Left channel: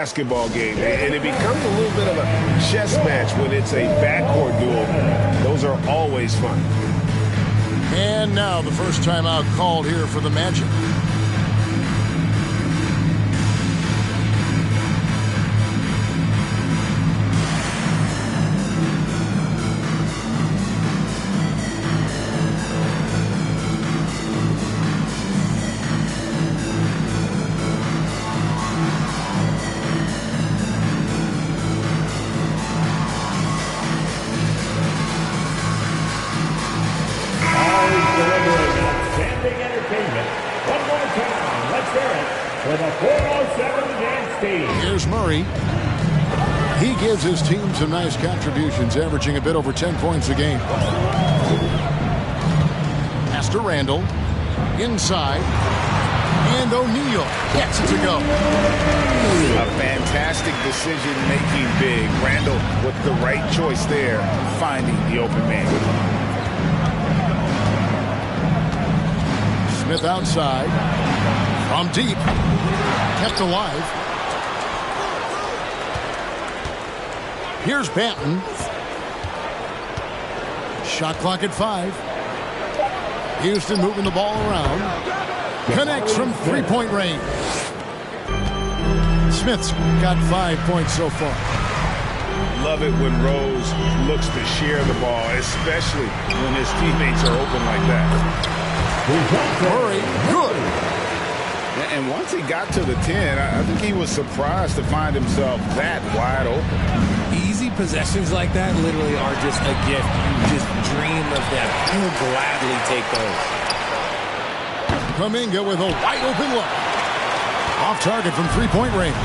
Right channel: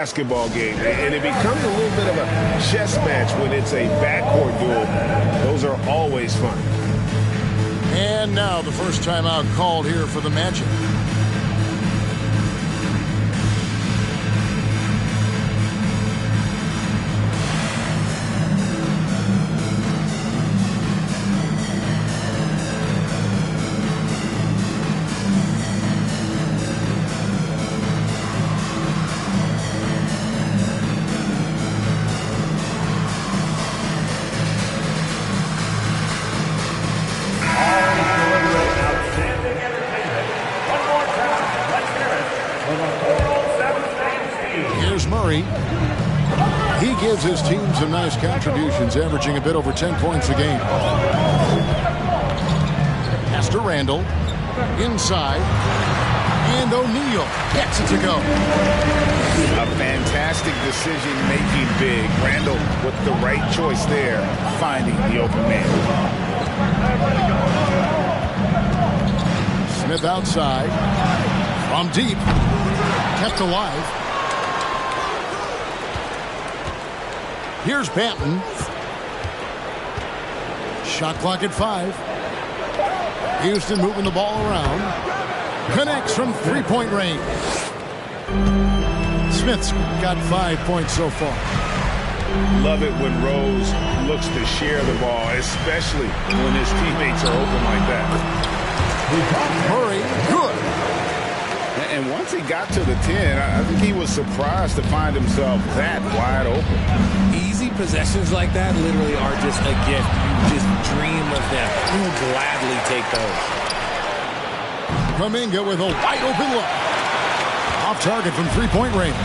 Basketball game, and it becomes a little bit of a chess match when it's a backcourt duel. Those are always fun. And now the first timeout called here for the Magic. Here's Murray. He gives his team some nice contributions, averaging a bit over 10 points a game. Pass to Randall. Inside. And O'Neal gets it to go. A fantastic decision-making big. Randall with the right choice there, finding the open man. Smith outside. From deep. Kept alive. Here's Banton. Shot clock at 5. Houston moving the ball around. Connects from three-point range. Smith's got 5 points so far. Love it when Rose looks to share the ball, especially when his teammates are open like that. Murray, good. And once he got to the 10, I think he was surprised to find himself that wide open. Easy possessions like that literally are just a gift. You just dream of them. He'll gladly take those. Kuminga with a wide open look. Off target from three-point range.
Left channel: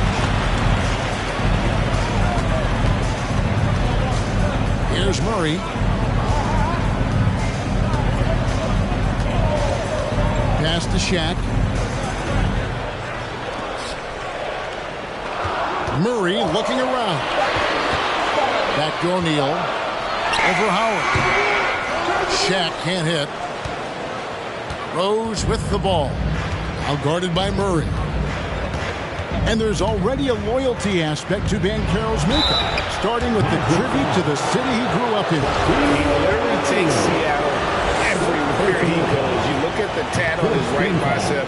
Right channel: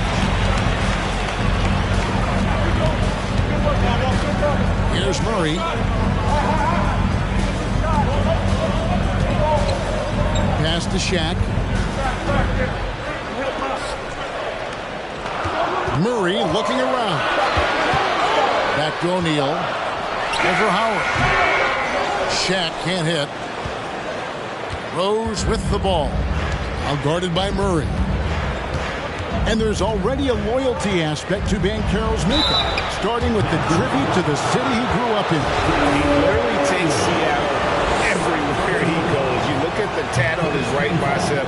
Here's Murray. Pass to Shaq. Murray looking around. Back to O'Neal. Over Howard. Shaq can't hit. Rose with the ball. Now guarded by Murray. And there's already a loyalty aspect to Banchero's makeup, starting with the tribute to the city he grew up in. He literally takes Seattle everywhere he goes. You look at the tat on his right bicep.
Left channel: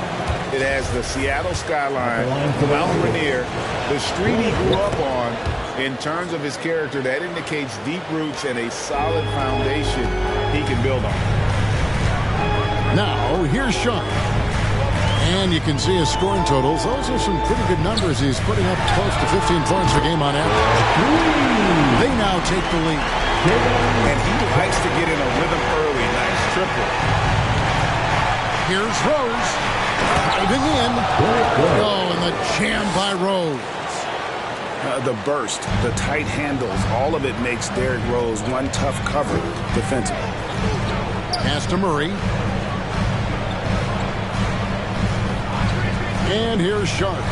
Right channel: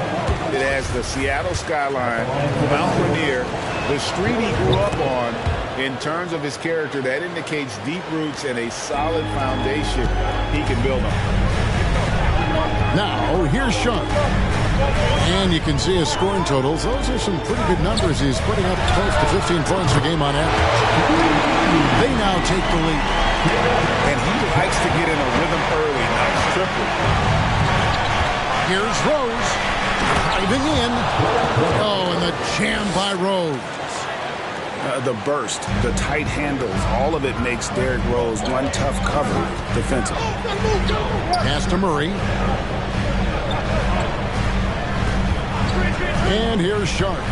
It has the Seattle skyline, Mount Rainier, the street he grew up on. In terms of his character, that indicates deep roots and a solid foundation he can build on. Now, here's Sharp. And you can see his scoring totals. Those are some pretty good numbers. He's putting up close to 15 points a game on average. They now take the lead. And he likes to get in a rhythm early. Nice triple. Here's Rose. Diving in. Oh, and the jam by Rose. The burst, the tight handles, all of it makes Derrick Rose one tough cover defensively. Pass to Murray. And here's Sharp.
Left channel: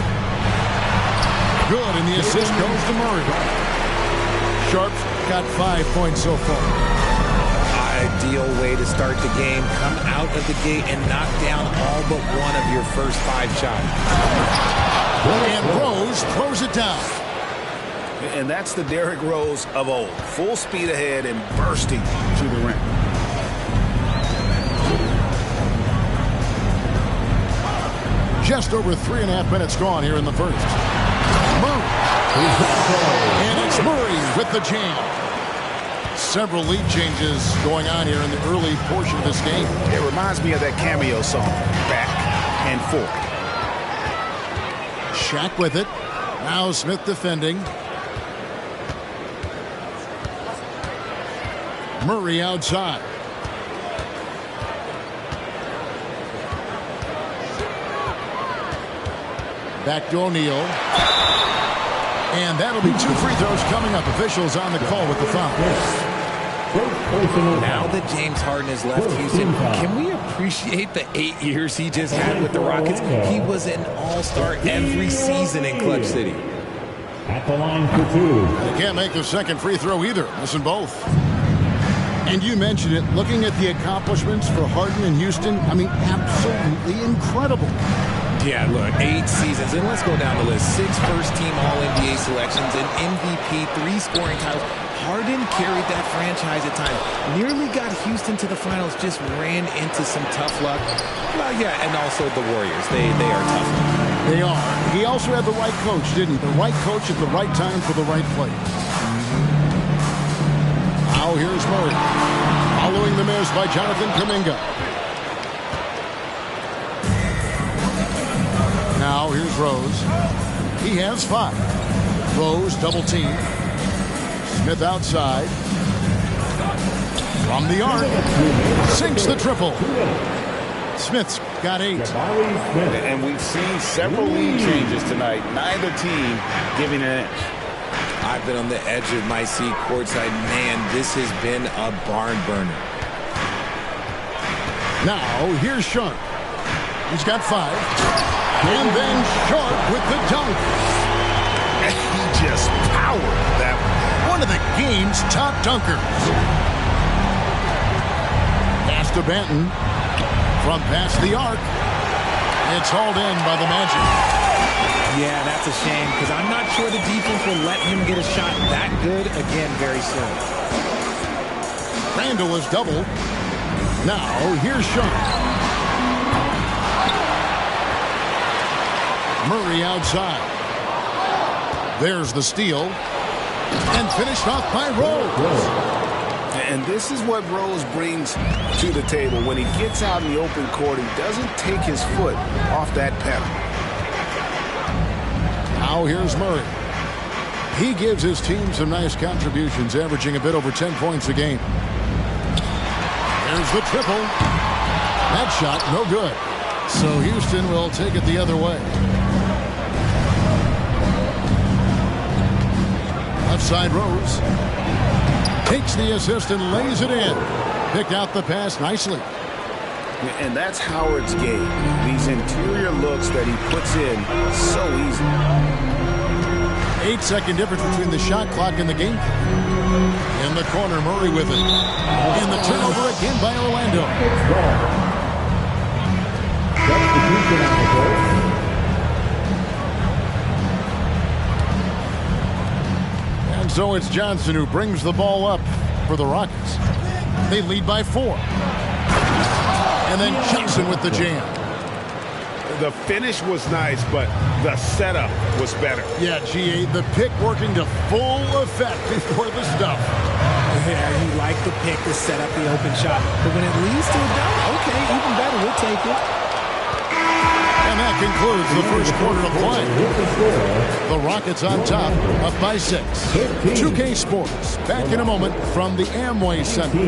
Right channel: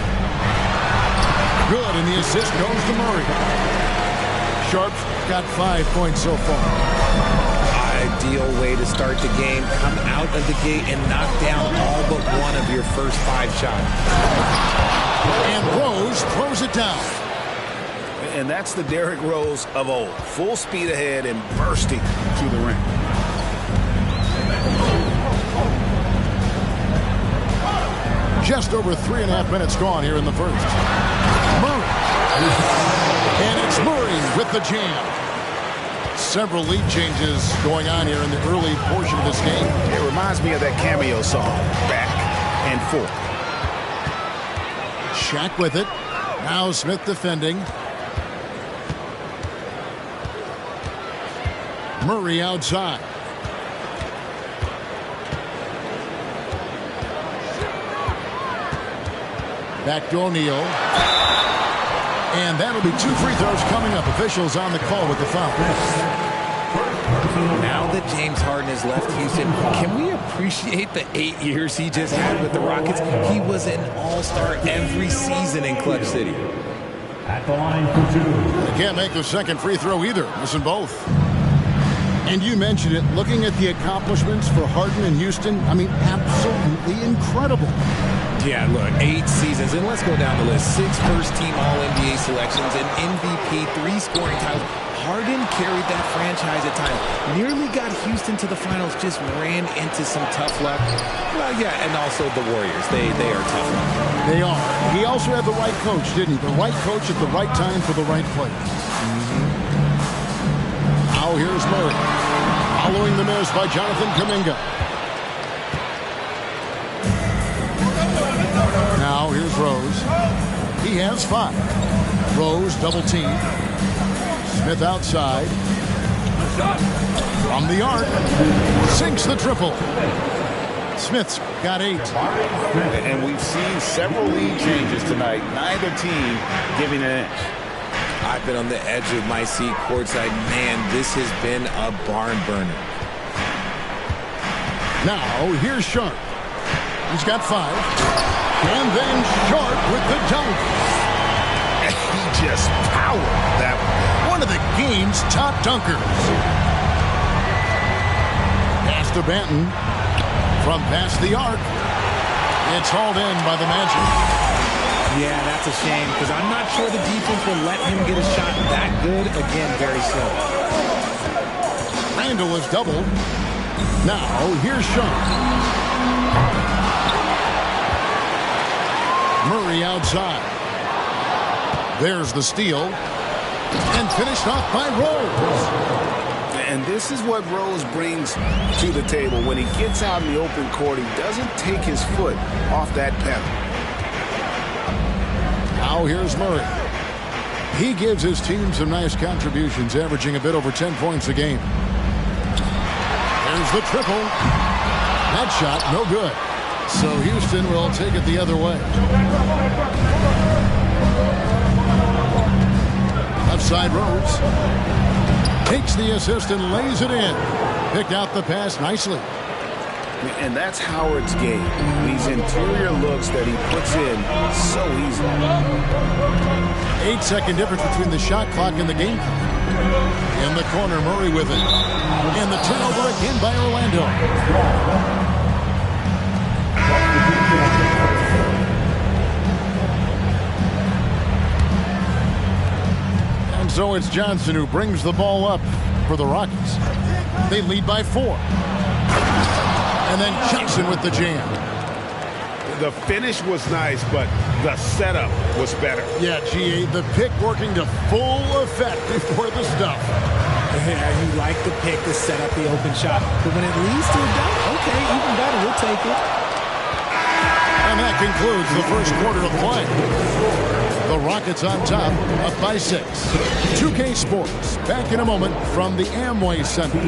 Good, and the assist goes to Murray. Sharp's got 5 points so far. Ideal way to start the game. Come out of the gate and knock down all but one of your first 5 shots. And Rose throws it down. And that's the Derrick Rose of old. Full speed ahead and bursting to the rim. Just over 3.5 minutes gone here in the first. Murray. And it's Murray with the jam. Several lead changes going on here in the early portion of this game. It reminds me of that cameo song, Back and Forth. Shaq with it. Now Smith defending. Murray outside. Back to O'Neal. And that'll be 2 free throws coming up. Officials on the call with the foul. Now that James Harden has left Houston, can we appreciate the 8 years he just had with the Rockets? He was an all-star every season in Clutch City. At the line for 2. And he can't make the second free throw either. Missing both. And you mentioned it, looking at the accomplishments for Harden in Houston, I mean, absolutely incredible. Yeah, look, 8 seasons, and let's go down the list. 6 first-team All-NBA selections, an MVP, 3 scoring titles. Harden carried that franchise at times. Nearly got Houston to the finals, just ran into some tough luck. Well, yeah, and also the Warriors. They are tough luck. They are. He also had the right coach, didn't he? The right coach at the right time for the right place. Now here's Murray. Following the miss by Jonathan Kuminga. Now here's Rose. He has 5. Rose double team. Smith outside. From the arc. Sinks the triple. Smith's got 8. And we've seen several lead changes tonight. Neither team giving an inch. I've been on the edge of my seat courtside. Man, this has been a barn burner. Now here's Sharp. He's got 5. And then Sharp with the dunk. He just powered that one of the game's top dunkers. Pass to Banton. From past the arc. It's hauled in by the Magic. Yeah, that's a shame, because I'm not sure the defense will let him get a shot that good again very soon. Randall is doubled. Now here's Sharp. Murray outside. There's the steal. And finished off by Rose. And this is what Rose brings to the table. When he gets out in the open court, he doesn't take his foot off that pedal. Now here's Murray. He gives his team some nice contributions, averaging a bit over 10 points a game. There's the triple. That shot, no good. So Houston will take it the other way. Left side Rose. Takes the assist and lays it in. Picked out the pass nicely. And that's Howard's game. These interior looks that he puts in so easily. 8-second difference between the shot clock and the game clock. In the corner, Murray with it. And the turnover again by Orlando. And so it's Johnson who brings the ball up for the Rockets. They lead by 4. And then Johnson with the jam. The finish was nice, but the setup was better. Yeah, G.A., the pick working to full effect before the stuff. Yeah, you like the pick to set up the open shot. But when it leads to a dunk, okay, even better, you'll take it. And that concludes the first quarter of play. The Rockets on top, up by 6. 2K Sports, back in a moment from the Amway Center.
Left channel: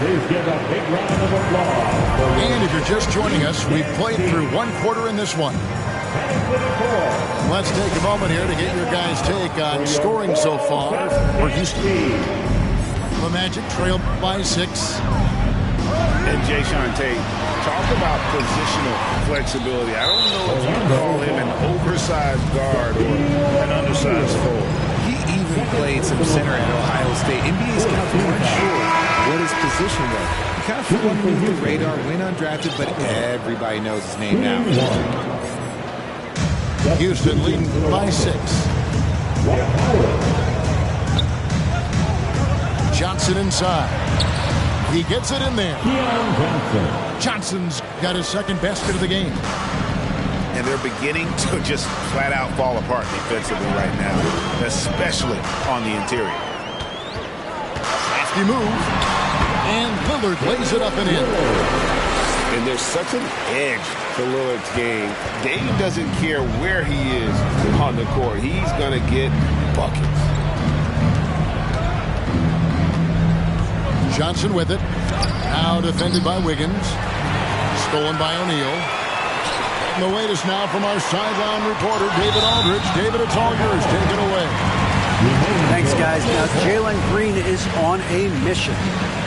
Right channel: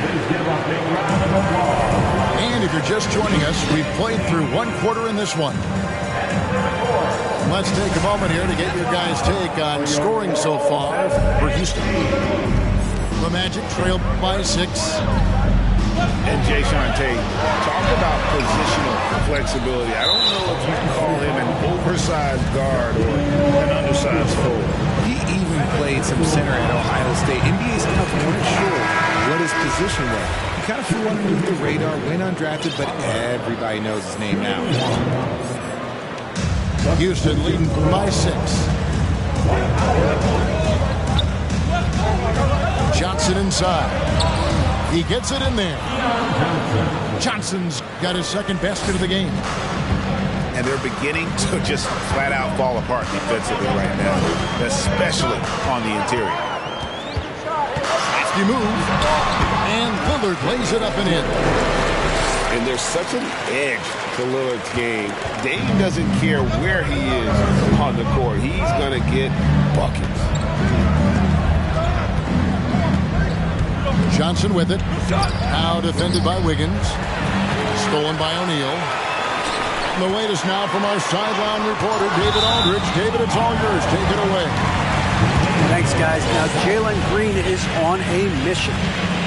Please give a big round of applause. And if you're just joining us, we've played through 1 quarter in this one. Let's take a moment here to get your guys' take on scoring so far for Houston. The Magic trail by 6. And Jayshawn Tate, talk about positional flexibility. I don't know if you can call him an oversized guard or an undersized forward. He even played some center at Ohio State. NBA scouts weren't sure what his position was. He kind of flew underneath the radar, went undrafted, but everybody knows his name now. Houston leading by 6. Johnson inside. He gets it in there. Johnson's got his second basket of the game. And they're beginning to just flat out fall apart defensively right now, especially on the interior. Hefty move. And Lillard lays it up and in. And there's such an edge to Lillard's game. Dame doesn't care where he is on the court. He's going to get buckets. Johnson with it. Now defended by Wiggins. Stolen by O'Neal. And the latest now from our sideline reporter, David Aldridge. David, it's all yours. Take it away. Thanks, guys. Now, Jalen Green is on a mission.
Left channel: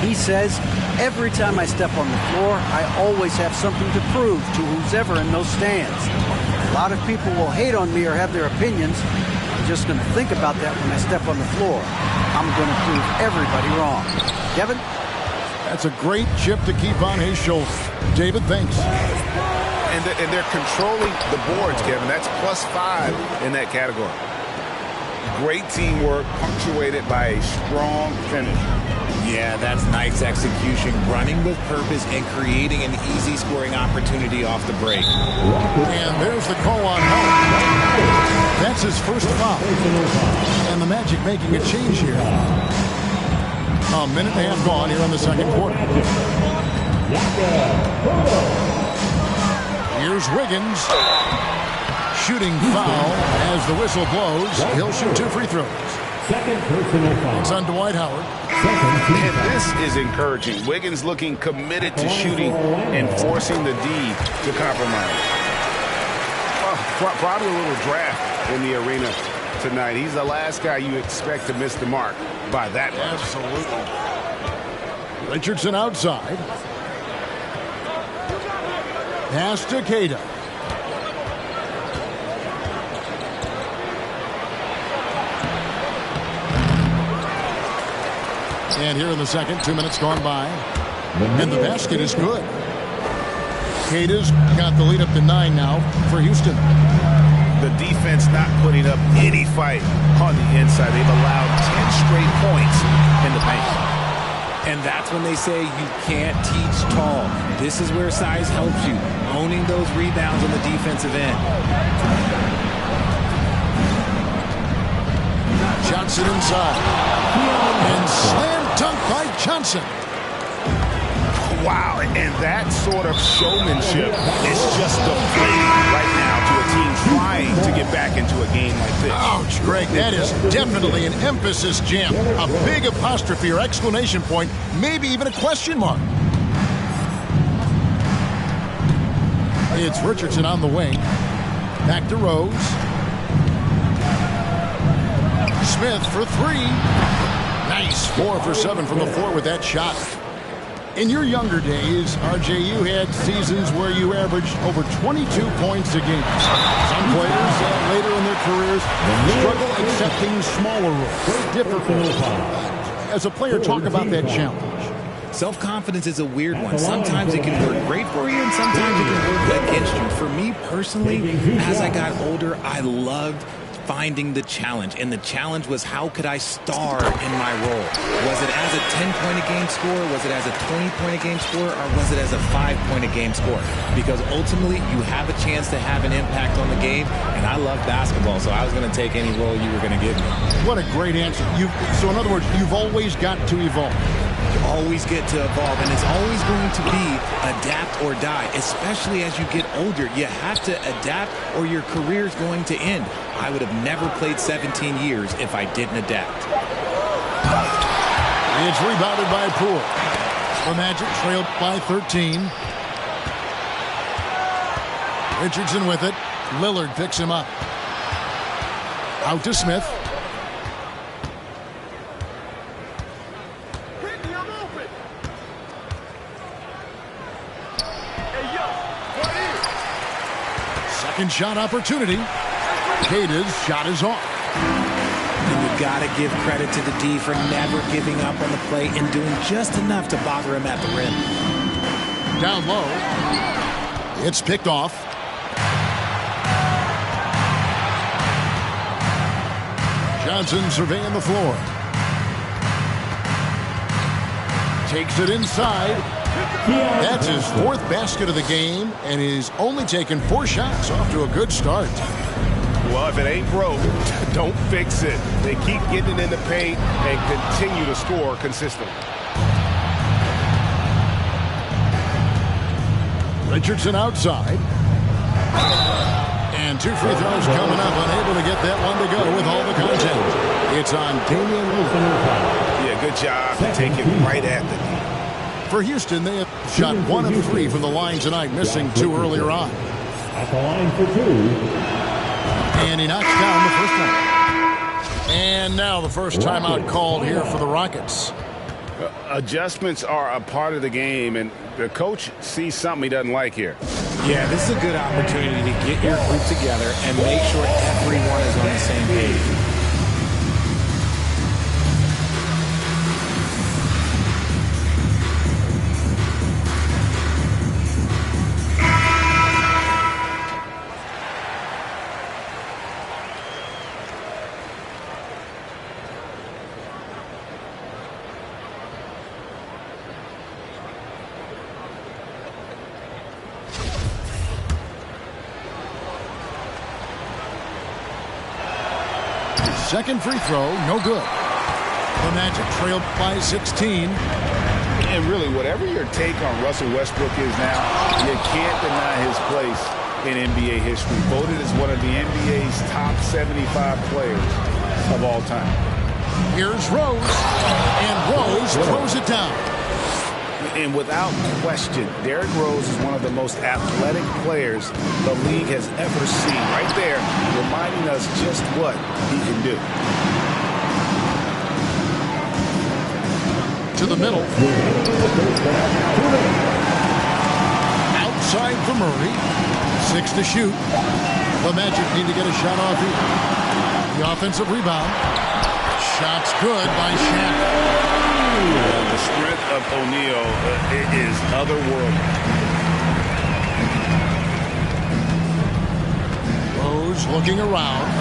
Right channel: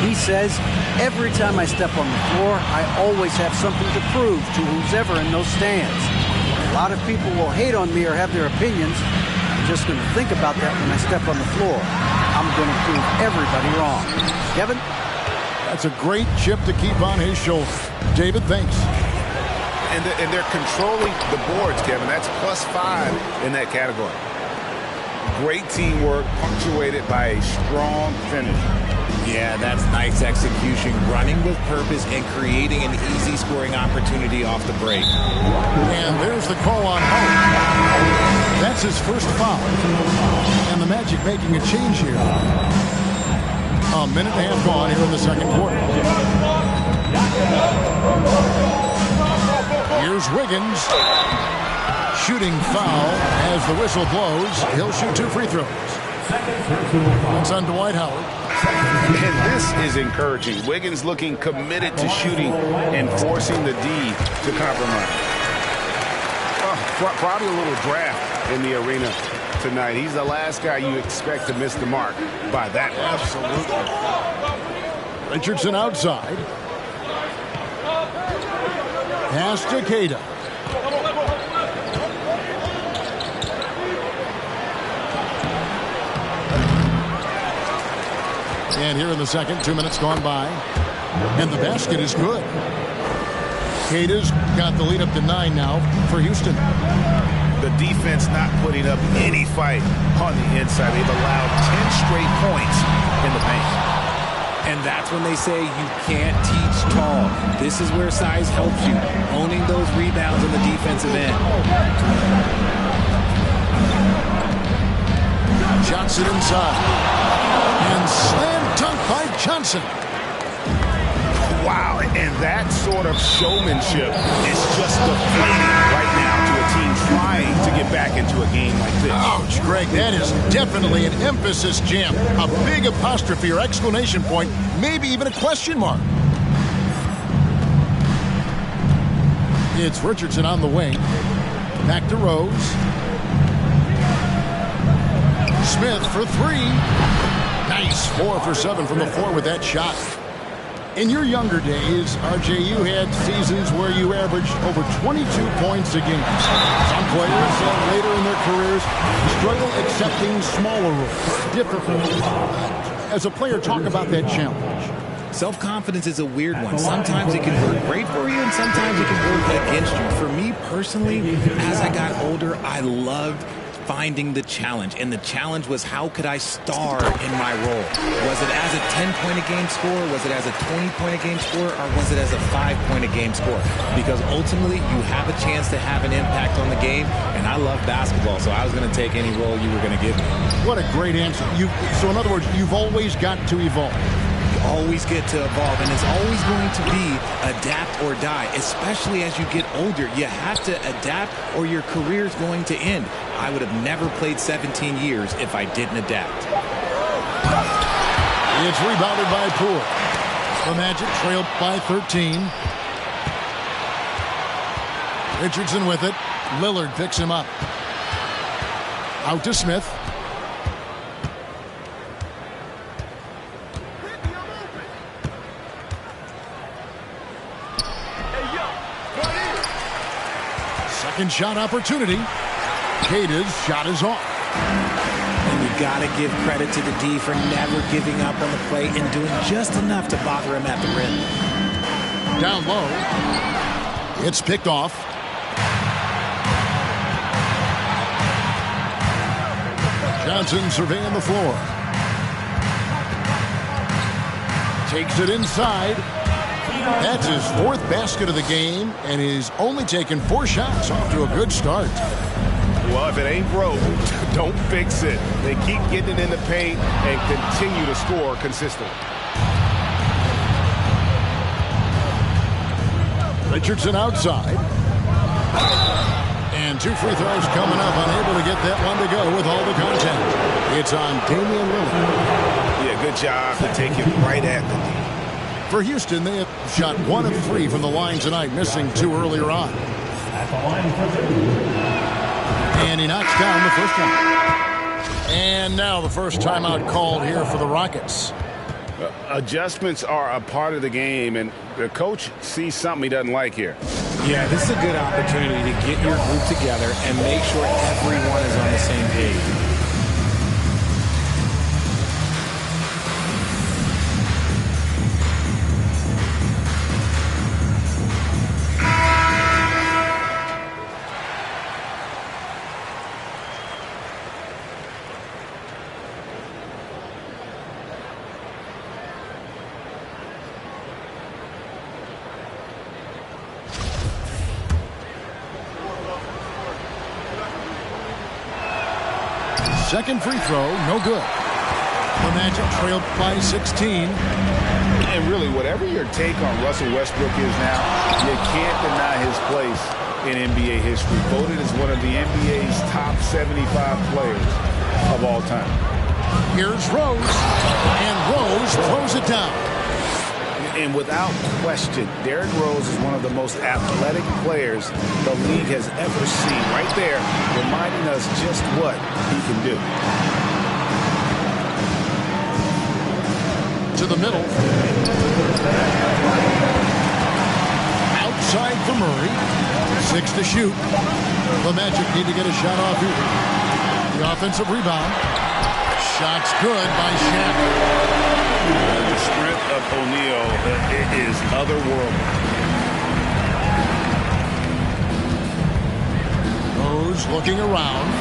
He says, every time I step on the floor, I always have something to prove to who's ever in those stands. A lot of people will hate on me or have their opinions. I'm just going to think about that when I step on the floor. I'm going to prove everybody wrong. Kevin? That's a great chip to keep on his shoulder. David, thanks. And they're controlling the boards, Kevin. That's +5 in that category. Great teamwork, punctuated by a strong finish. Yeah, that's nice execution. Running with purpose and creating an easy scoring opportunity off the break. And there's the call on Howard. That's his first foul. And the Magic making a change here. A minute and a half gone here in the second quarter. Here's Wiggins. Shooting foul as the whistle blows. He'll shoot 2 free throws. That's on Dwight Howard. And this is encouraging. Wiggins looking committed to shooting and forcing the D to compromise. Well, probably a little draft in the arena tonight. He's the last guy you expect to miss the mark by that much. Absolutely. Richardson outside. Pass to Queta. And here in the second, 2 minutes gone by. And the basket is good. Queta's got the lead up to 9 now for Houston. The defense not putting up any fight on the inside. They've allowed 10 straight points in the paint. And that's when they say you can't teach tall. This is where size helps you. Owning those rebounds on the defensive end. Johnson inside. And slam dunk by Johnson. Wow, and that sort of showmanship is just deflating right now to a team trying to get back into a game like this. Ouch, Greg, that is definitely an emphasis jam. A big apostrophe or exclamation point, maybe even a question mark. It's Richardson on the wing. Back to Rose. Smith for 3. Nice, 4 for 7 from the floor with that shot. In your younger days, RJ, you had seasons where you averaged over 22 points a game. Some players later in their careers struggle accepting smaller roles, difficult. As a player, talk about that challenge. Self-confidence is a weird one. Sometimes it can work great for you, and sometimes it can work against you. For me personally, as I got older, I loved finding the challenge, and the challenge was how could I star in my role? Was it as a 10-point-a-game scorer? Was it as a 20-point-a-game scorer? Or was it as a 5-point-a-game scorer? Because ultimately, you have a chance to have an impact on the game, and I love basketball, so I was going to take any role you were going to give me. What a great answer. So in other words, you've always got to evolve. You always get to evolve, and it's always going to be adapt or die, especially as you get older. You have to adapt or your career's going to end. I would have never played 17 years if I didn't adapt. It's rebounded by Poole. The Magic trailed by 13. Richardson with it. Lillard picks him up. Out to Smith. Second shot opportunity. Queta's shot is off. And you got to give credit to the D for never giving up on the play and doing just enough to bother him at the rim. Down low. It's picked off. Johnson surveying the floor. Takes it inside. That's his 4th basket of the game, and he's only taken 4 shots. Off to a good start. Well, if it ain't broke, don't fix it. They keep getting it in the paint and continue to score consistently. Richardson outside. And 2 free throws coming up. Unable to get that one to go with all the contact. It's on Damian Lillard. Yeah, good job to take it right at the D. For Houston, they have shot 1 of 3 from the line tonight, missing 2 earlier on. At the line for 2. And he knocks down the first one. And now the first timeout called here for the Rockets. Adjustments are a part of the game, and the coach sees something he doesn't like here. Yeah, this is a good opportunity to get your group together and make sure everyone is on the same page. Second free throw, no good. The Magic trailed by 16. And really, whatever your take on Russell Westbrook is now, you can't deny his place in NBA history. Voted as one of the NBA's top 75 players of all time. Here's Rose, and Rose throws it down. And without question, Derrick Rose is one of the most athletic players the league has ever seen. Right there, reminding us just what he can do. To the middle. Outside for Murray. 6 to shoot. The Magic need to get a shot off here. The offensive rebound. Shot's good by Shaq. The strength of O'Neal is otherworldly. Rose looking around.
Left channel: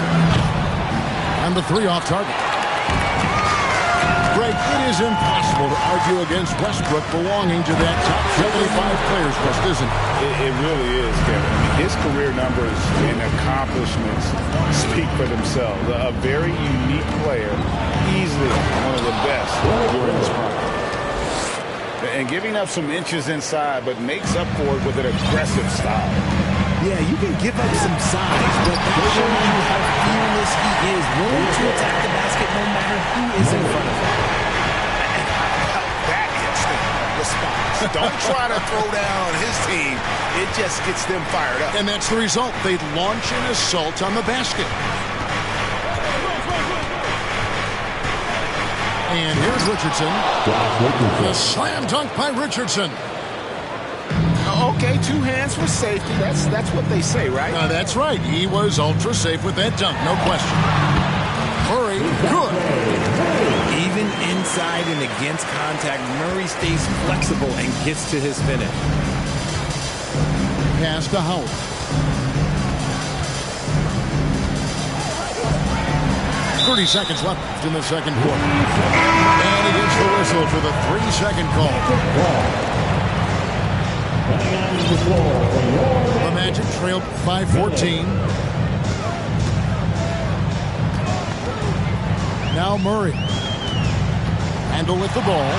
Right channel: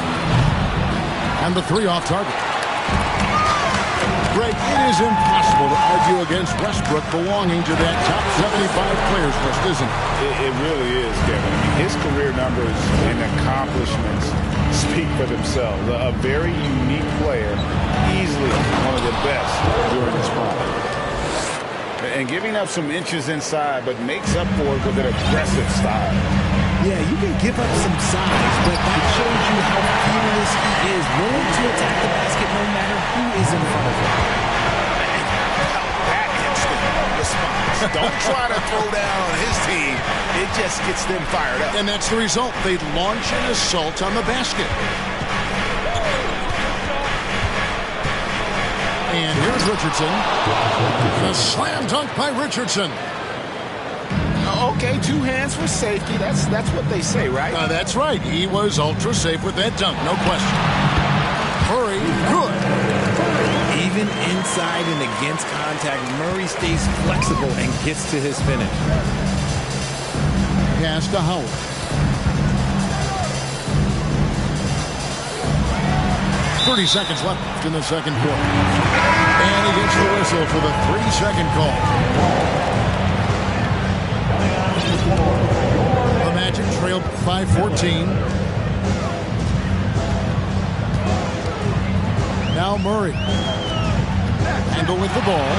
And the three off target. Greg, it is impossible to argue against Westbrook belonging to that top 75 players list, isn't it? It really is, Kevin. I mean, his career numbers and accomplishments speak for themselves. A very unique player, easily one of the best during his prime. And giving up some inches inside, but makes up for it with an aggressive style. Yeah, you can give up some size, but that shows you how fearless he is, willing to attack the basket no matter who is in front of him. And how about that instant response? Don't try to throw down on his team. It just gets them fired up. And that's the result. They launch an assault on the basket. And here's Richardson. And a slam dunk by Richardson. Okay, 2 hands for safety. That's what they say, right? That's right. He was ultra safe with that dunk, no question. Murray, good. Even inside and against contact, Murray stays flexible and gets to his finish. Pass to Howard. .30 seconds left in the second quarter. And he gets the whistle for the 3-second call. The Magic trailed by 14. Now Murray. Handle with the ball.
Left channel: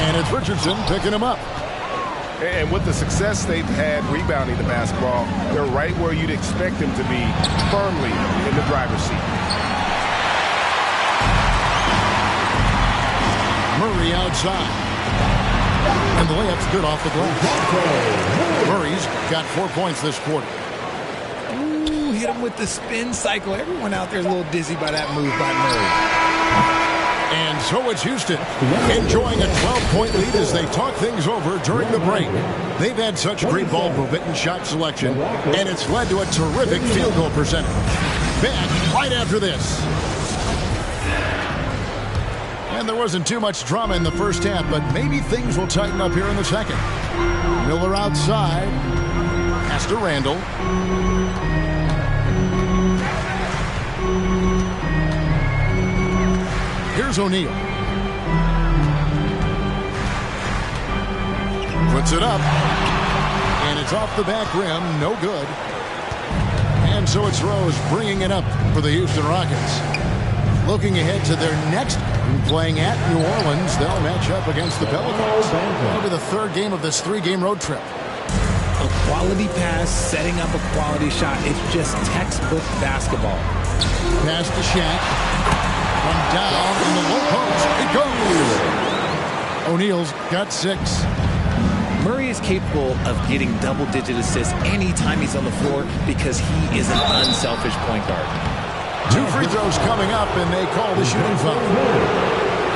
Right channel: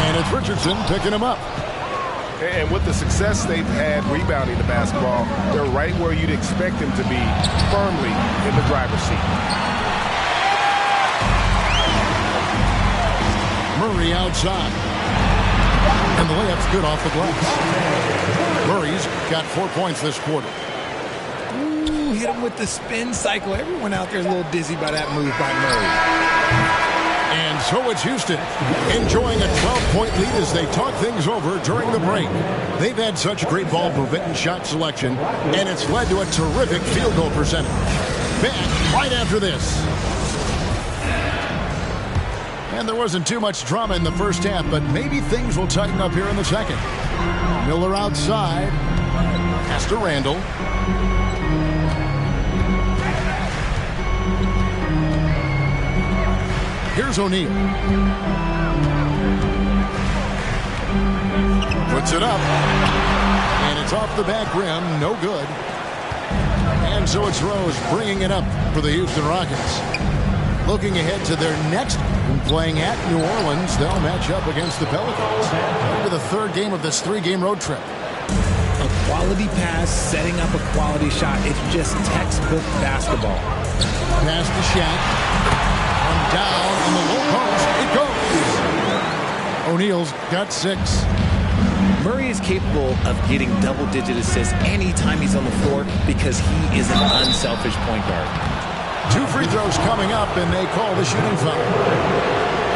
And it's Richardson picking him up. And with the success they've had rebounding the basketball, they're right where you'd expect them to be, firmly in the driver's seat. Murray outside. And the layup's good off the glass. Murray's got 4 points this quarter. Ooh, hit him with the spin cycle. Everyone out there is a little dizzy by that move by Murray. And so it's Houston, enjoying a 12-point lead as they talk things over during the break. They've had such great ball movement and shot selection, and it's led to a terrific field goal percentage. Back right after this. And there wasn't too much drama in the first half, but maybe things will tighten up here in the second. Miller outside. Pass to Randall. Here's O'Neal. Puts it up. And it's off the back rim. No good. And so it's Rose bringing it up for the Houston Rockets. Looking ahead to their next game, playing at New Orleans, they'll match up against the Pelicans. It'll be the third game of this 3-game road trip. A quality pass, setting up a quality shot. It's just textbook basketball. Pass to Shaq. Run down in the low post. It goes. O'Neal's got 6. Murray is capable of getting double-digit assists anytime he's on the floor because he is an unselfish point guard. 2 free throws coming up, and they call the shooting foul.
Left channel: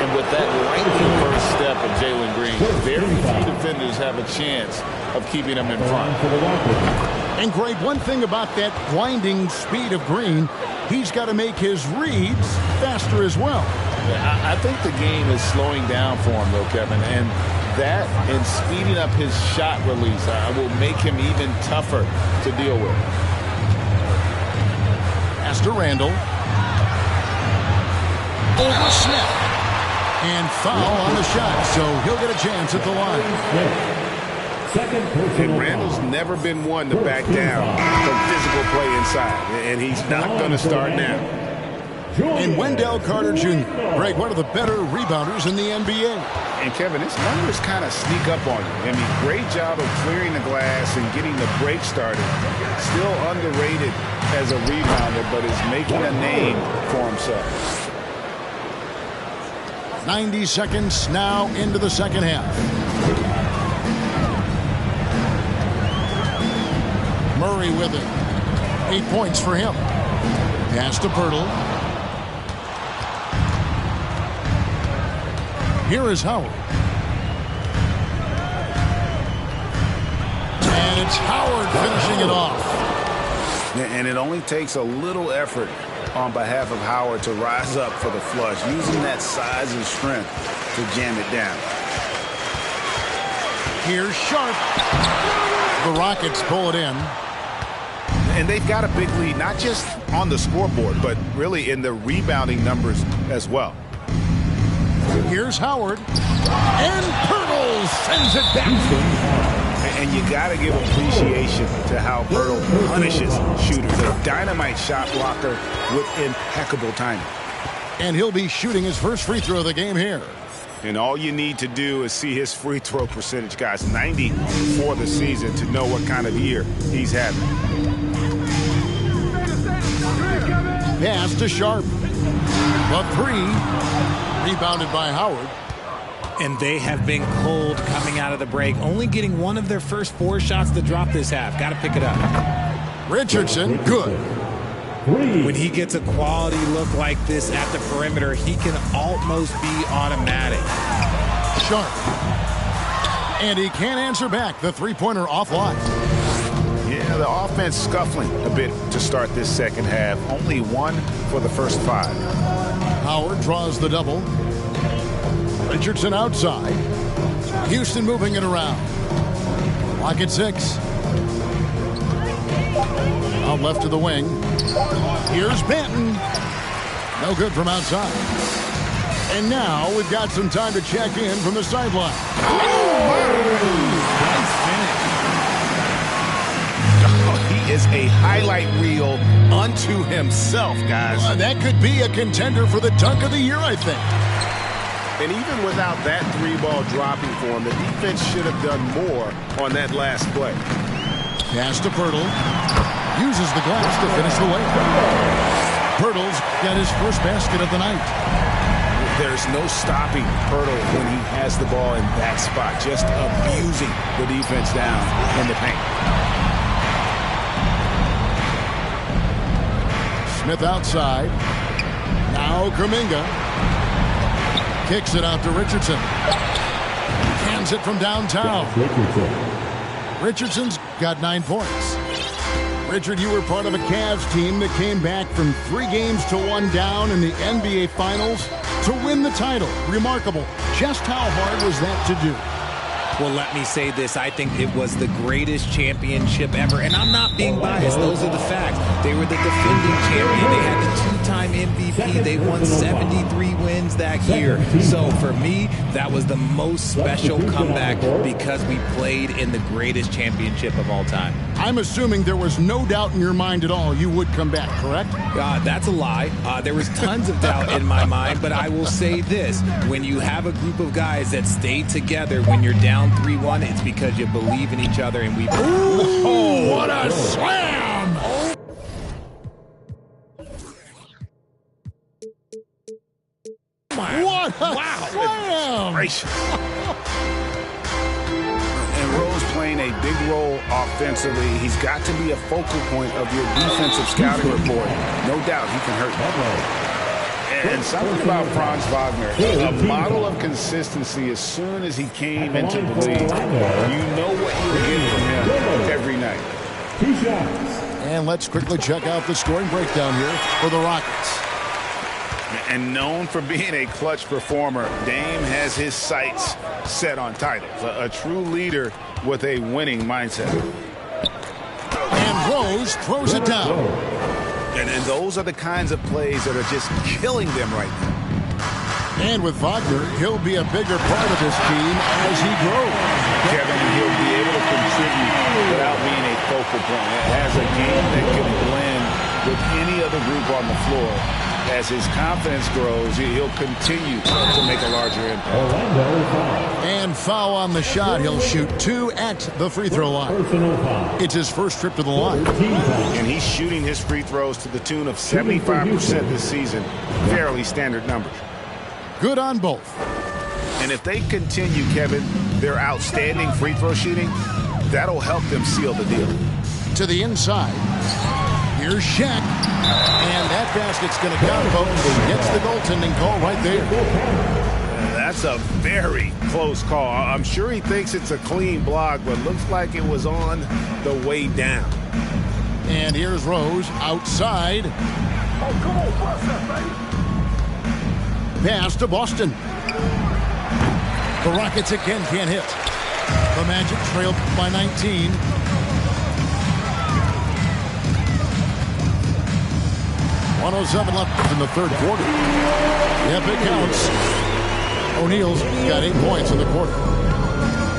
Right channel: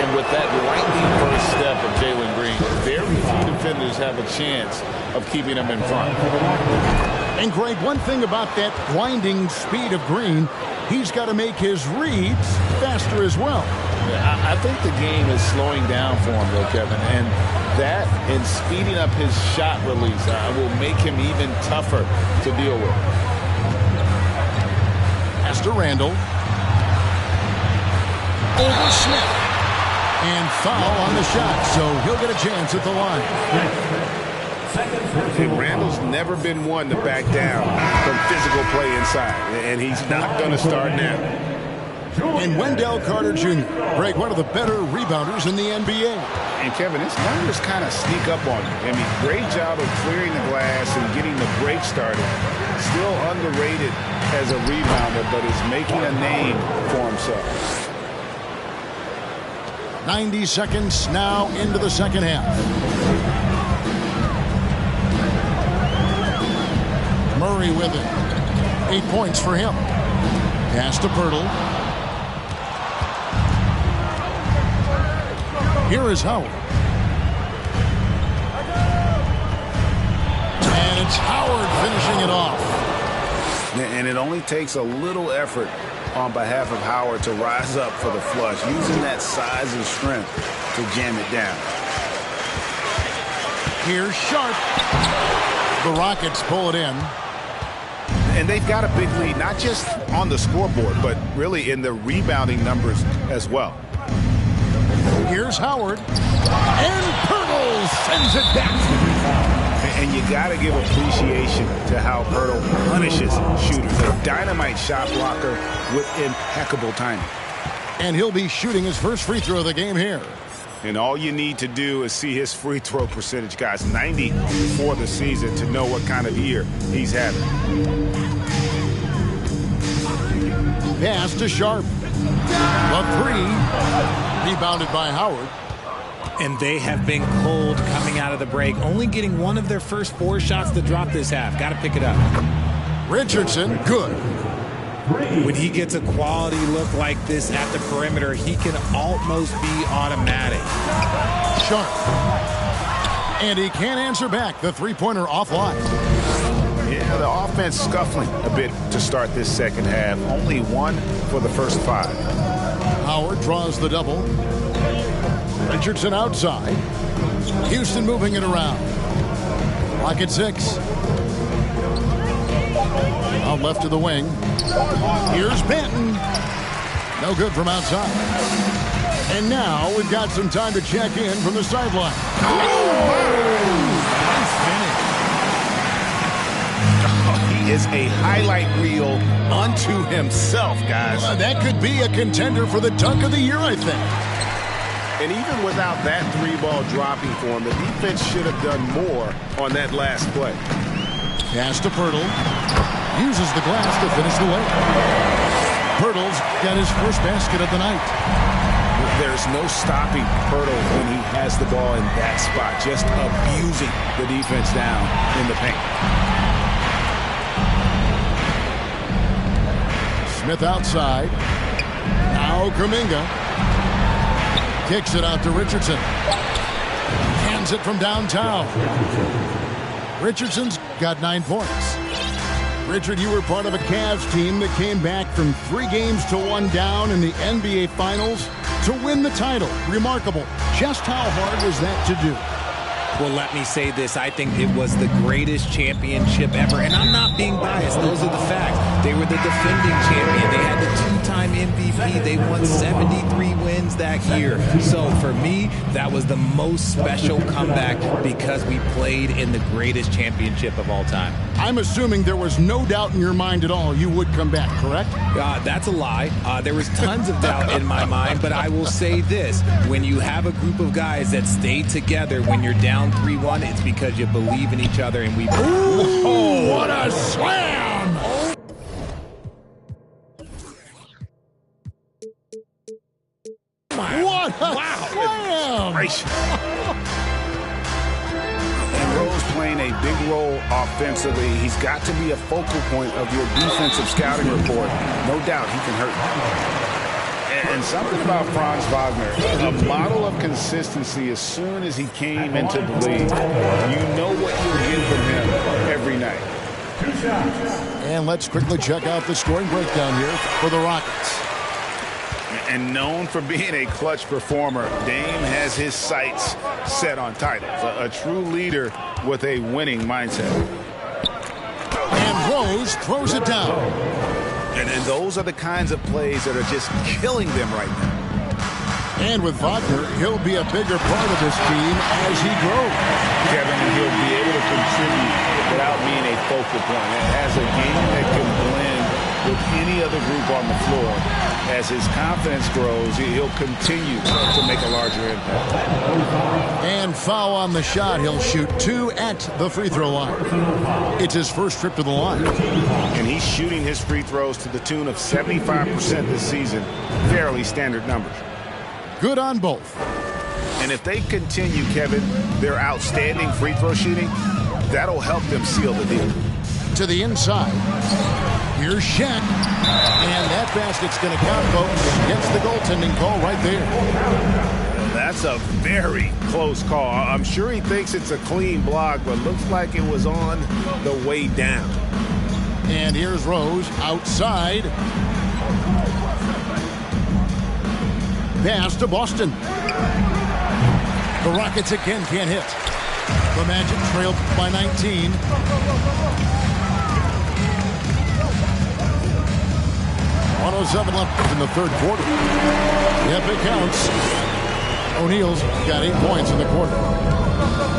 And with that lightning first step of Jalen Green, very few defenders have a chance of keeping him in front. And Greg, one thing about that blinding speed of Green, he's got to make his reads faster as well. I think the game is slowing down for him, though, Kevin, and that and speeding up his shot release will make him even tougher to deal with. Pass to Randall. Over Smith. And foul on the shot, so he'll get a chance at the line. And Randall's never been one to back down from physical play inside, and he's not going to start now. And Wendell Carter Jr., Greg, one of the better rebounders in the NBA. And, Kevin, his numbers kind of sneak up on you. I mean, great job of clearing the glass and getting the break started. Still underrated as a rebounder, but is making a name for himself. 90 seconds now into the second half. Murray with it. 8 points for him. Pass to Pirtle. Here is Howard. And it's Howard finishing it off. And it only takes a little effort on behalf of Howard to rise up for the flush, using that size and strength to jam it down. Here's Sharp. The Rockets pull it in. And they've got a big lead, not just on the scoreboard, but really in the rebounding numbers as well. Here's Howard. And Pirtle sends it back. And you got to give appreciation to how Pirtle punishes shooters. A dynamite shot blocker with impeccable timing. And he'll be shooting his first free throw of the game here. And all you need to do is see his free throw percentage, guys. 90 for the season to know what kind of year he's having. Pass to Sharp. The three. Rebounded by Howard. And they have been cold coming out of the break, only getting one of their first 4 shots to drop this half. Got to pick it up. Richardson, good. When he gets a quality look like this at the perimeter, he can almost be automatic. Sharp. And he can't answer back. The three-pointer offline. Yeah, the offense scuffling a bit to start this second half. Only 1 for the first 5. Howard draws the double. Richardson outside. Houston moving it around. Clock at 6. Out left to the wing. Here's Benton. No good from outside. And now we've got some time to check in from the sideline. Nice finish. He is a highlight reel unto himself, guys. That could be a contender for the dunk of the year, I think. And even without that 3-ball dropping for him, the defense should have done more on that last play. Pass to Pirtle. Uses the glass to finish the layup. Pirtle's got his first basket of the night. There's no stopping Pirtle when he has the ball in that spot, just abusing the defense down in the paint. Smith outside. Now Kuminga. Kicks it out to Richardson. Hands it from downtown. Richardson's got 9 points. Richard, you were part of a Cavs team that came back from 3 games to 1 down in the NBA Finals to win the title. Remarkable. Just how hard was that to do? Well, let me say this. I think it was the greatest championship ever. And I'm not being biased. Those are the facts. They were the defending champion. They had the 2-time MVP. They won 73 wins that year. So for me, that was the most special comeback because we played in the greatest championship of all time. I'm assuming there was no doubt in your mind at all you would come back, correct? That's a lie. There was tons of doubt in my mind, but I will say this. When you have a group of guys that stay together when you're down 3-1, it's because you believe in each other, and we believe. Oh, what a slam! What a slam! And Rose playing a big role offensively. He's got to be a focal point of your defensive scouting report. No doubt he can hurt you. And something about Franz Wagner, a model of consistency as soon as he came into the league. You know what you'll get from him every night. 2 shots. And let's quickly check out the scoring breakdown here for the Rockets. And known for being a clutch performer, Dame has his sights set on titles. A true leader with a winning mindset. And Rose throws it down. And those are the kinds of plays that are just killing them right now. And with Wagner, he'll be a bigger part of this team as he grows. Kevin, and he'll be able to contribute without being a focal point. It has a game that can blend with any other group on the floor. As his confidence grows, he'll continue to make a larger impact. And foul on the shot. He'll shoot 2 at the free throw line. It's his first trip to the line. And he's shooting his free throws to the tune of 75% this season. Fairly standard numbers. Good on both. And if they continue, Kevin, their outstanding free throw shooting, that'll help them seal the deal. To the inside. Here's Shaq. And that basket's going to count, folks. Gets the goaltending call right there. That's a very close call. I'm sure he thinks it's a clean block, but looks like it was on the way down. And here's Rose outside. Pass to Boston. The Rockets again can't hit. The Magic trailed by 19. .107 left in the third quarter. Yep, it counts. O'Neal's got 8 points in the quarter.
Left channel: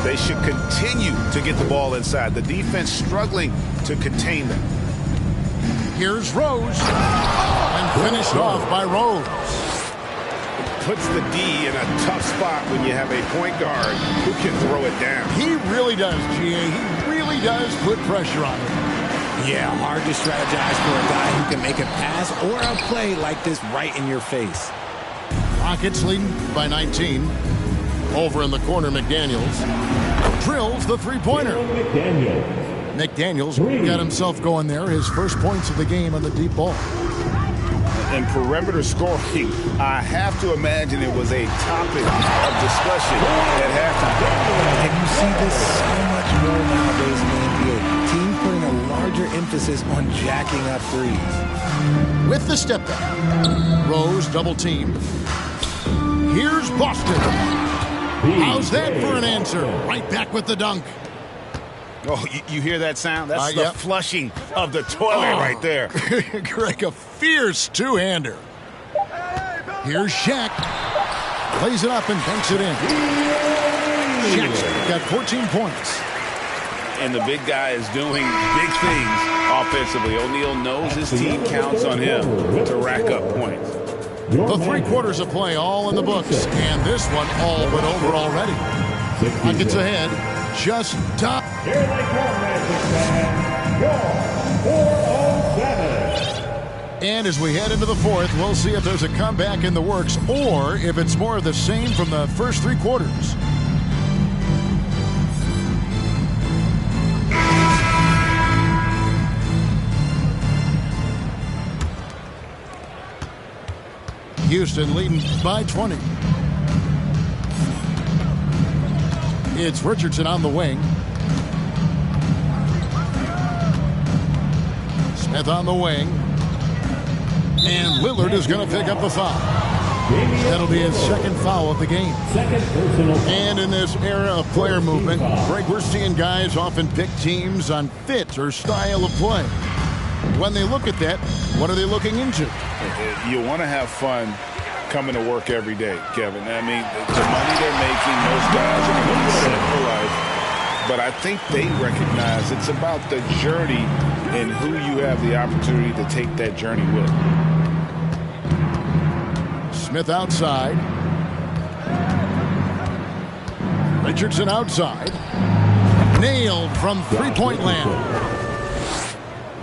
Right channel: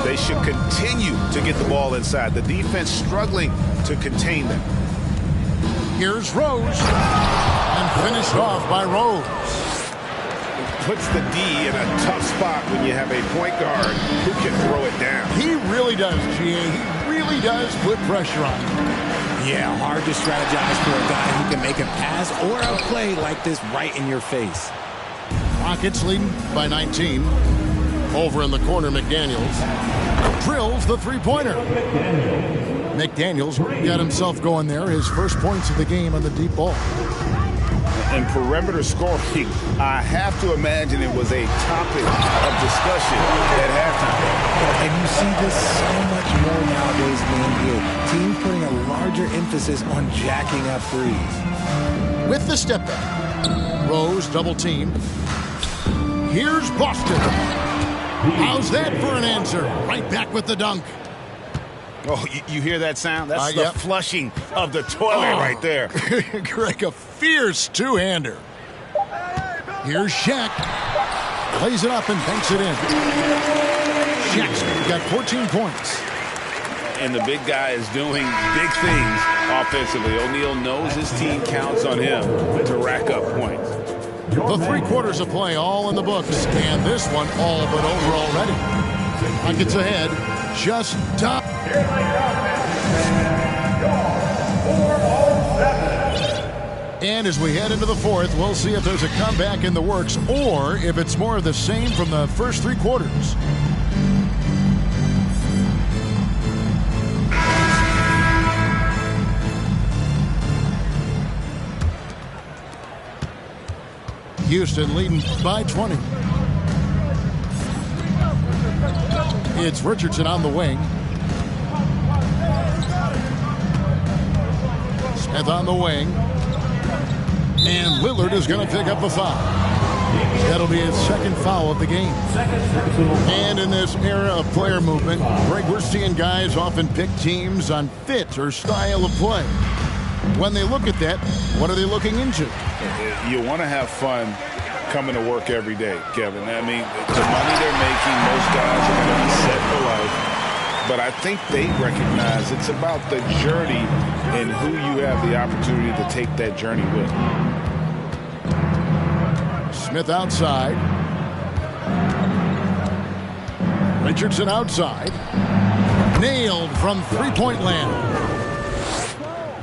They should continue to get the ball inside. The defense struggling to contain them. Here's Rose. And finished off by Rose. It puts the D in a tough spot when you have a point guard who can throw it down. He really does, GA. He really does put pressure on him. Yeah, hard to strategize for a guy who can make a pass or a play like this right in your face. Rockets leading by 19. Over in the corner, McDaniels drills the three-pointer. McDaniels got himself going there. His first points of the game on the deep ball. And perimeter scoring, I have to imagine it was a topic of discussion at halftime. And you see this so much more nowadays in the NBA. Teams putting a larger emphasis on jacking up threes. With the step back, Rose double teamed. Here's Boston. How's that for an answer? Right back with the dunk. Oh, you hear that sound? That's the flushing of the toilet right there. Greg, a fierce two-hander. Here's Shaq. Plays it up and banks it in. Shaq's got 14 points. And the big guy is doing big things offensively. O'Neal knows his team counts on him to rack up points. The 3 quarters of play all in the books. And this one all but over already. Rockets ahead. Just top. Here they come, your 407. And as we head into the fourth, we'll see if there's a comeback in the works or if it's more of the same from the first 3 quarters. Houston leading by 20. It's Richardson on the wing. Smith on the wing. And Lillard is going to pick up the foul. That'll be his second foul of the game. And in this era of player movement, Greg, we're seeing guys often pick teams on fit or style of play. When they look at that, what are they looking into? You want to have fun coming to work every day, Kevin. I mean, the money they're making, most guys are going to be set for life. But I think they recognize it's about the journey and who you have the opportunity to take that journey with. Smith outside. Richardson outside. Nailed from three-point land.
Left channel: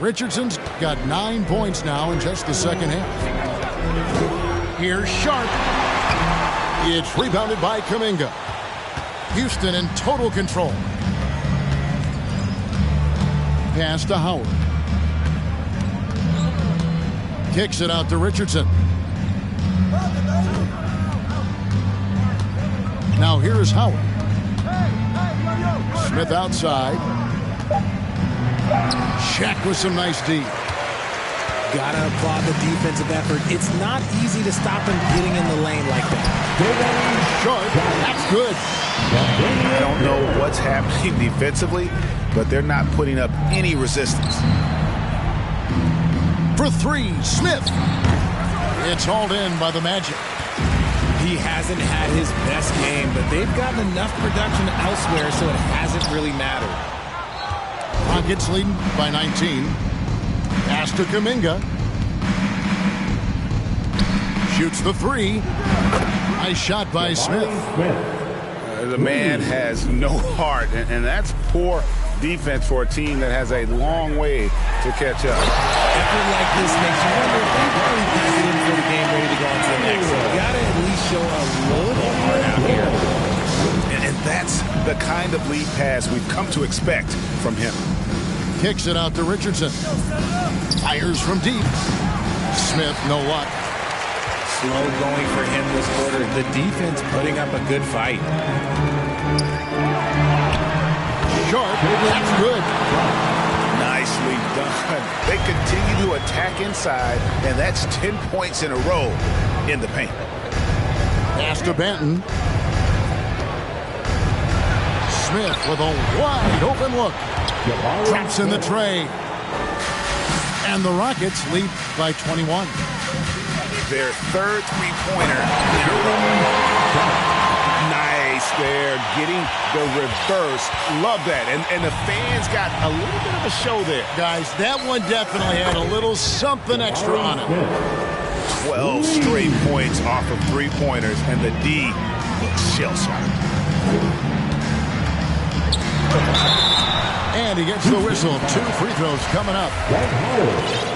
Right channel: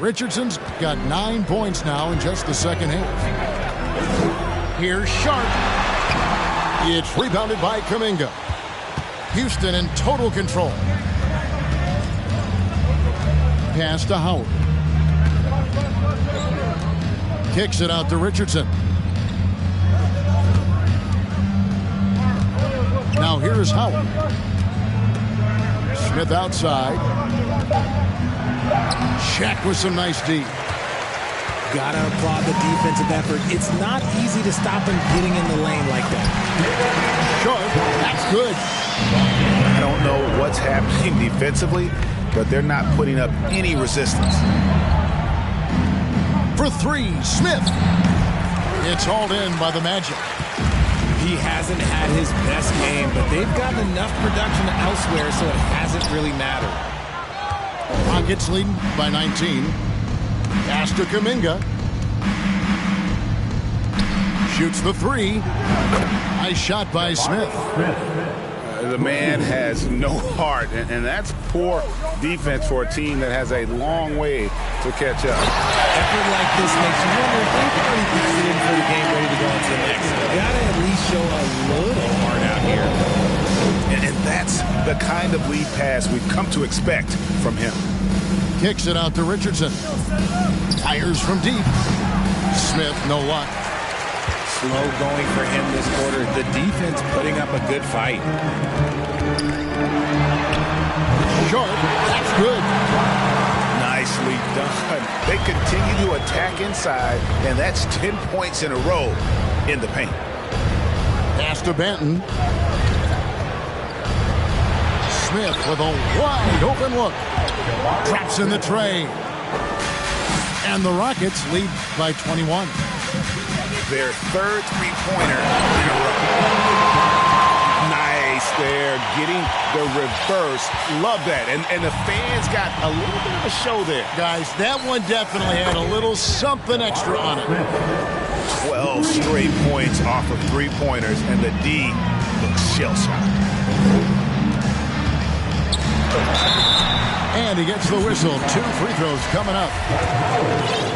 Richardson's got 9 points now in just the second half. Here's Sharp. It's rebounded by Kuminga. Houston in total control. Pass to Howard. Kicks it out to Richardson. Now here is Howard. Smith outside. Shaq with some nice D. Gotta applaud the defensive effort. It's not easy to stop him getting in the lane like that. Sharp, that's good. I don't know what's happening defensively, but they're not putting up any resistance. For 3, Smith. It's hauled in by the Magic. He hasn't had his best game, but they've gotten enough production elsewhere, so it hasn't really mattered. Rockets leading by 19. Pass to Kuminga. Shoots the three. Nice shot by Smith. The man has no heart, and that's poor defense for a team that has a long way to catch up. Effort like this makes you wonder if they've already packed it in for the game, ready to go on to the next. You gotta at least show a little heart out here. And that's the kind of lead pass we've come to expect from him. Kicks it out to Richardson. Fires from deep. Smith, no luck. Slow going for him this quarter. The defense putting up a good fight. Short. That's good. Nicely done. They continue to attack inside, and that's 10 points in a row in the paint. Pass to Benton. Smith with a wide open look. Drops in the tray. And the Rockets lead by 21. Their third three-pointer in a row. Nice there, getting the reverse. Love that. And the fans got a little bit of a show there. Guys, that one definitely had a little something extra on it. 12 straight points off of three-pointers, and the D looks shell-shocked. And he gets the whistle. 2 free throws coming up.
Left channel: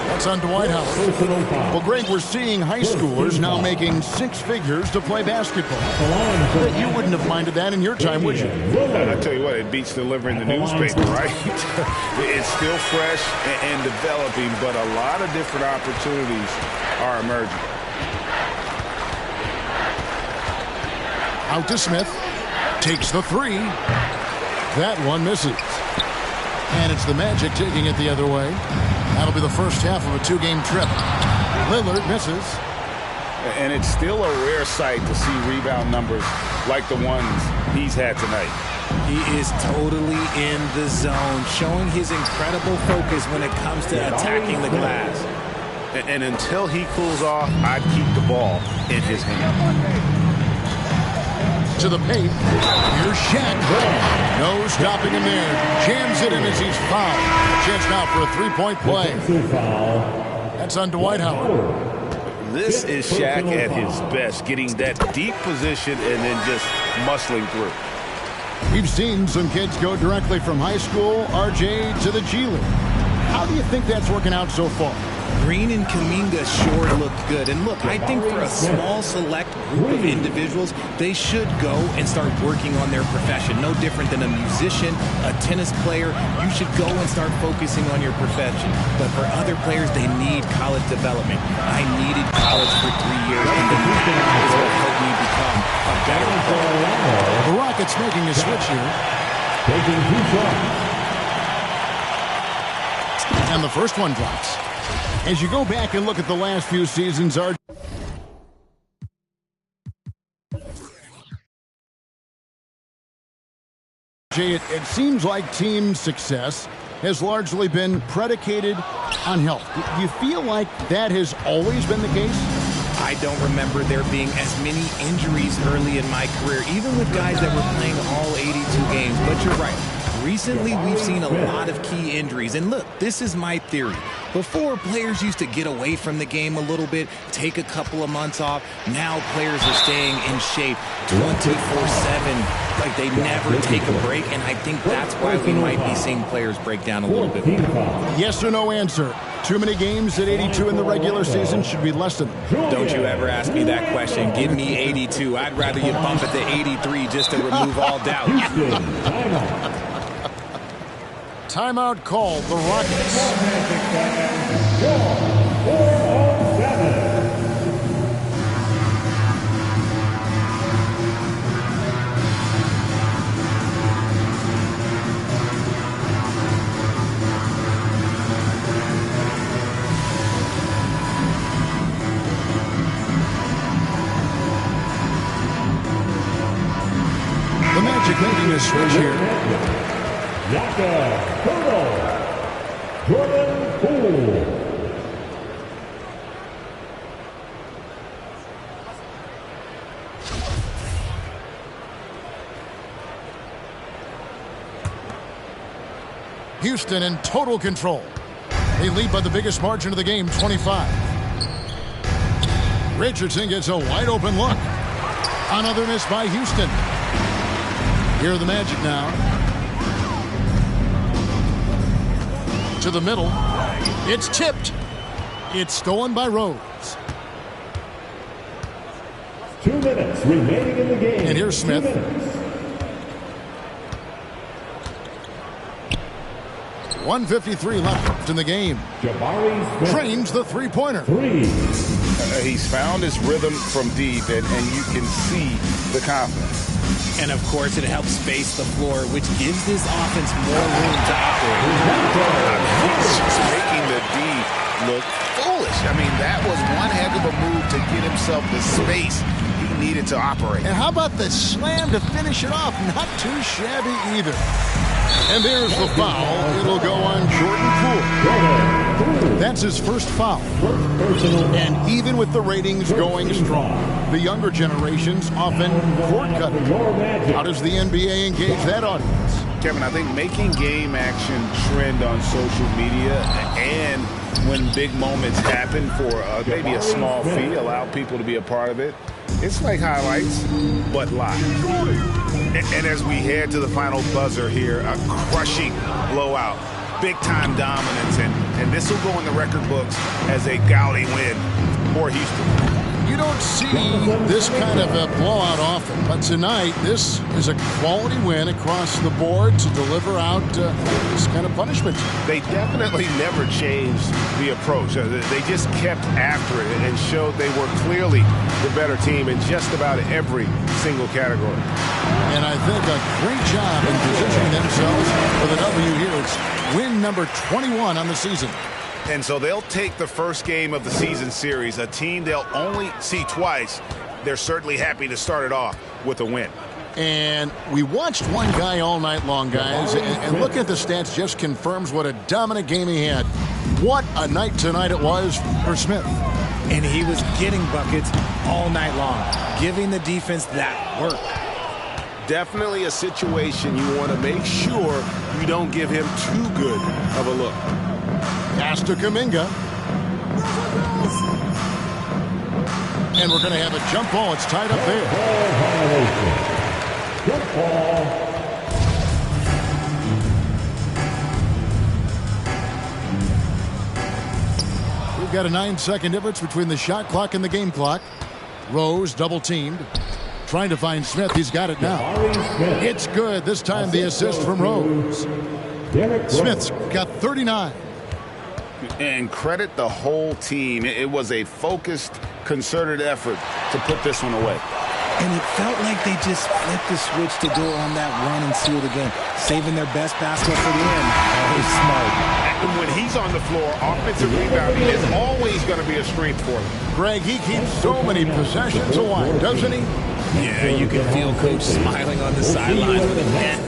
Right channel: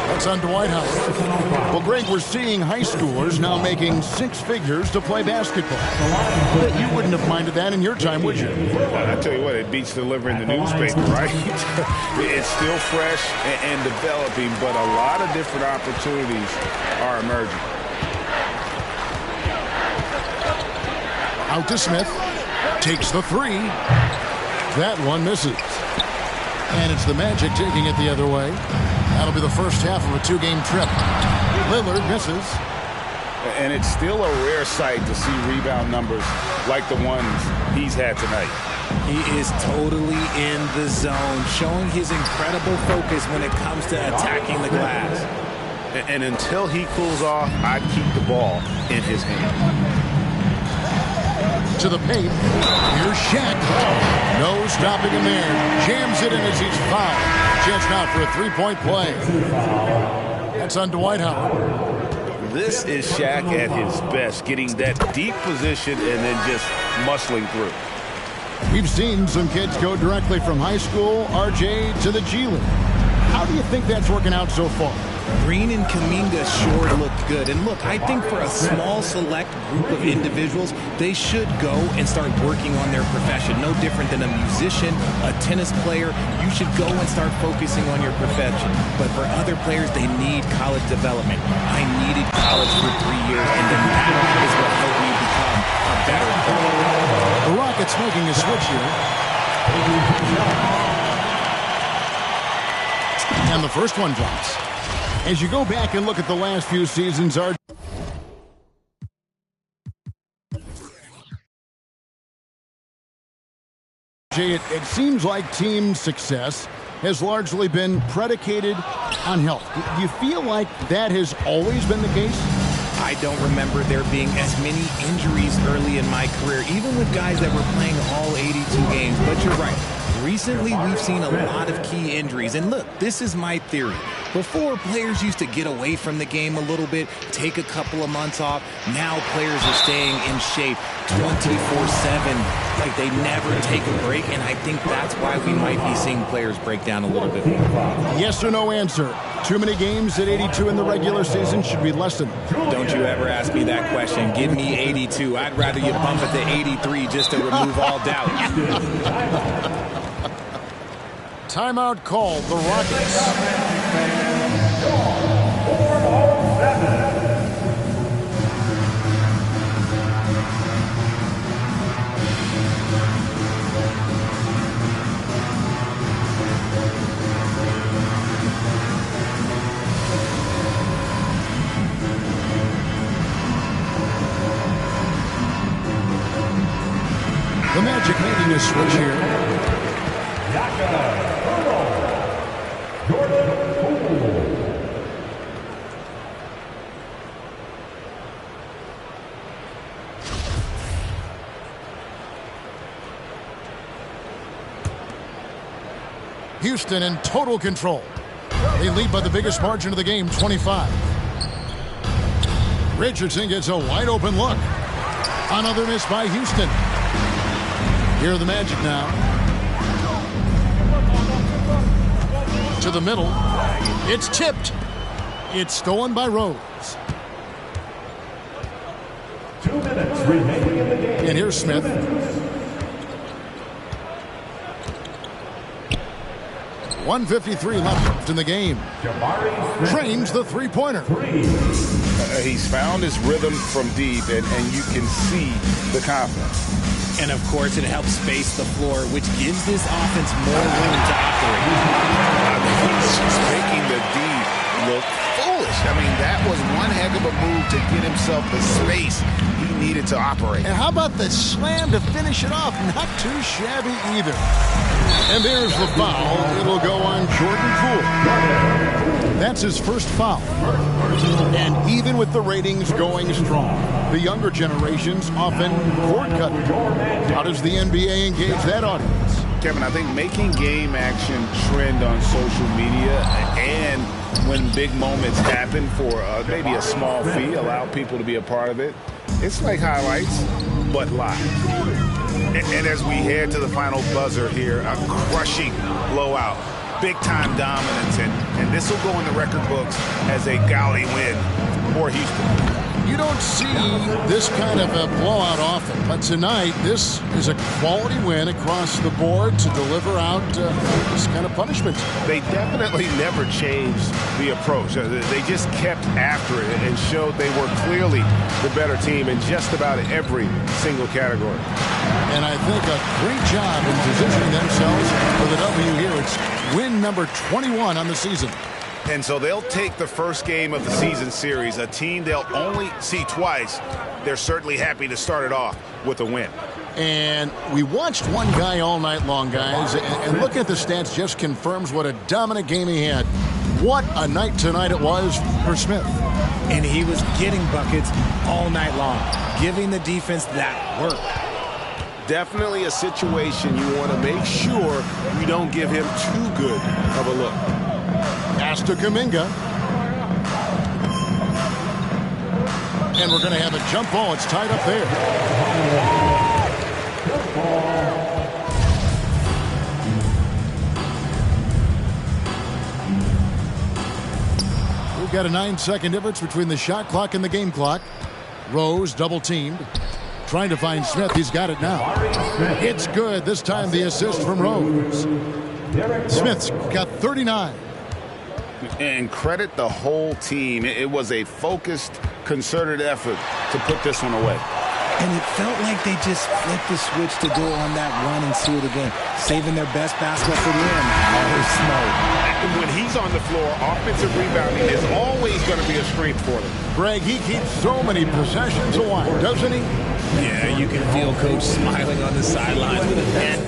That's on Dwight Howard. Well, Greg, we're seeing high schoolers now making 6 figures to play basketball. But you wouldn't have minded that in your time, would you? I tell you what, it beats delivering the newspaper, right? It's still fresh and developing, but a lot of different opportunities are emerging. Out to Smith. Takes the three. That one misses. And it's the Magic taking it the other way. That'll be the first half of a 2-game trip. Lillard misses. And it's still a rare sight to see rebound numbers like the ones he's had tonight. He is totally in the zone, showing his incredible focus when it comes to attacking the glass. And until he cools off, I'd keep the ball in his hand. To the paint. Here's Shaq. No stopping him there. Jams it in as he's fouled. Chance now for a 3-point play. That's on Dwight Howard. This is Shaq at his best, getting that deep position and then just muscling through. We've seen some kids go directly from high school, RJ, to the G League. How do you think that's working out so far? Green and Kuminga sure look good. And look, I think for a small select group of individuals, they should go and start working on their profession. No different than a musician, a tennis player. You should go and start focusing on your profession. But for other players, they need college development. I needed college for 3 years, and then that is what helped me become a better player. The Rockets making a switch here. And the first one drops. As you go back and look at the last few seasons, it seems like team success has largely been predicated on health. Do you feel like that has always been the case? I don't remember there being as many injuries early in my career, even with guys that were playing all 82 games. But you're right. Recently, we've seen a lot of key injuries. And look, this is my theory. Before, players used to get away from the game a little bit, take a couple of months off. Now players are staying in shape 24/7, like they never take a break. And I think that's why we might be seeing players break down a little bit more. Yes or no answer. Too many games at 82 in the regular season. Should we lessen them? Don't you ever ask me that question. Give me 82. I'd rather you bump it to 83 just to remove all doubt. Timeout called, the Rockets. The Magic making a switch here. Jordan Poole. Houston in total control. They lead by the biggest margin of the game, 25. Richardson gets a wide open look. Another miss by Houston. Here are the Magic now. To the middle. It's tipped. It's stolen by Rose. 2 minutes remaining in the game. And here's Smith. .153 left in the game. Trains the three-pointer. He's found his rhythm from deep, and you can see the confidence. And, of course, it helps space the floor, which gives this offense more room to operate. He's just making the D look foolish. I mean, that was one heck of a move to get himself the space he needed to operate. And how about the slam to finish it off? Not too shabby either. And there's the foul. It'll go on Jordan Poole. That's his first foul. And even with the ratings going strong, the younger generations often cord cut. How does the NBA engage that audience? Kevin, I think making game action trend on social media and when big moments happen for maybe a small fee, allow people to be a part of it. It's like highlights, but live. And as we head to the final buzzer here, a crushing blowout, big-time dominance, and this will go in the record books as a gaudy win for Houston. You don't see this kind of a blowout often, but tonight this is a quality win across the board to deliver out this kind of punishment. They definitely never changed the approach. They just kept after it and showed they were clearly the better team in just about every single category. And I think a great job in positioning themselves for the W here. It's win number 21 on the season. And so they'll take the first game of the season series, a team they'll only see twice. They're certainly happy to start it off with a win. And we watched one guy all night long, guys, and looking at the stats just confirms what a dominant game he had. What a night tonight it was for Smith. And he was getting buckets all night long, giving the defense that work. Definitely a situation you want to make sure you don't give him too good of a look. Pass to Kuminga. And we're going to have a jump ball. It's tied up there. We've got a 9-second difference between the shot clock and the game clock. Rose double teamed. Trying to find Smith. He's got it now. It's good. This time the assist from Rose. Smith's got 39. And credit the whole team. It was a focused, concerted effort to put this one away. And it felt like they just flipped the switch to go on that run and seal the game, saving their best basketball for the end. Always smart. And when he's on the floor, offensive rebounding is always going to be a strength for them. Greg, he keeps so many possessions alive, doesn't he? Yeah, you can feel Coach smiling on the sidelines with a net.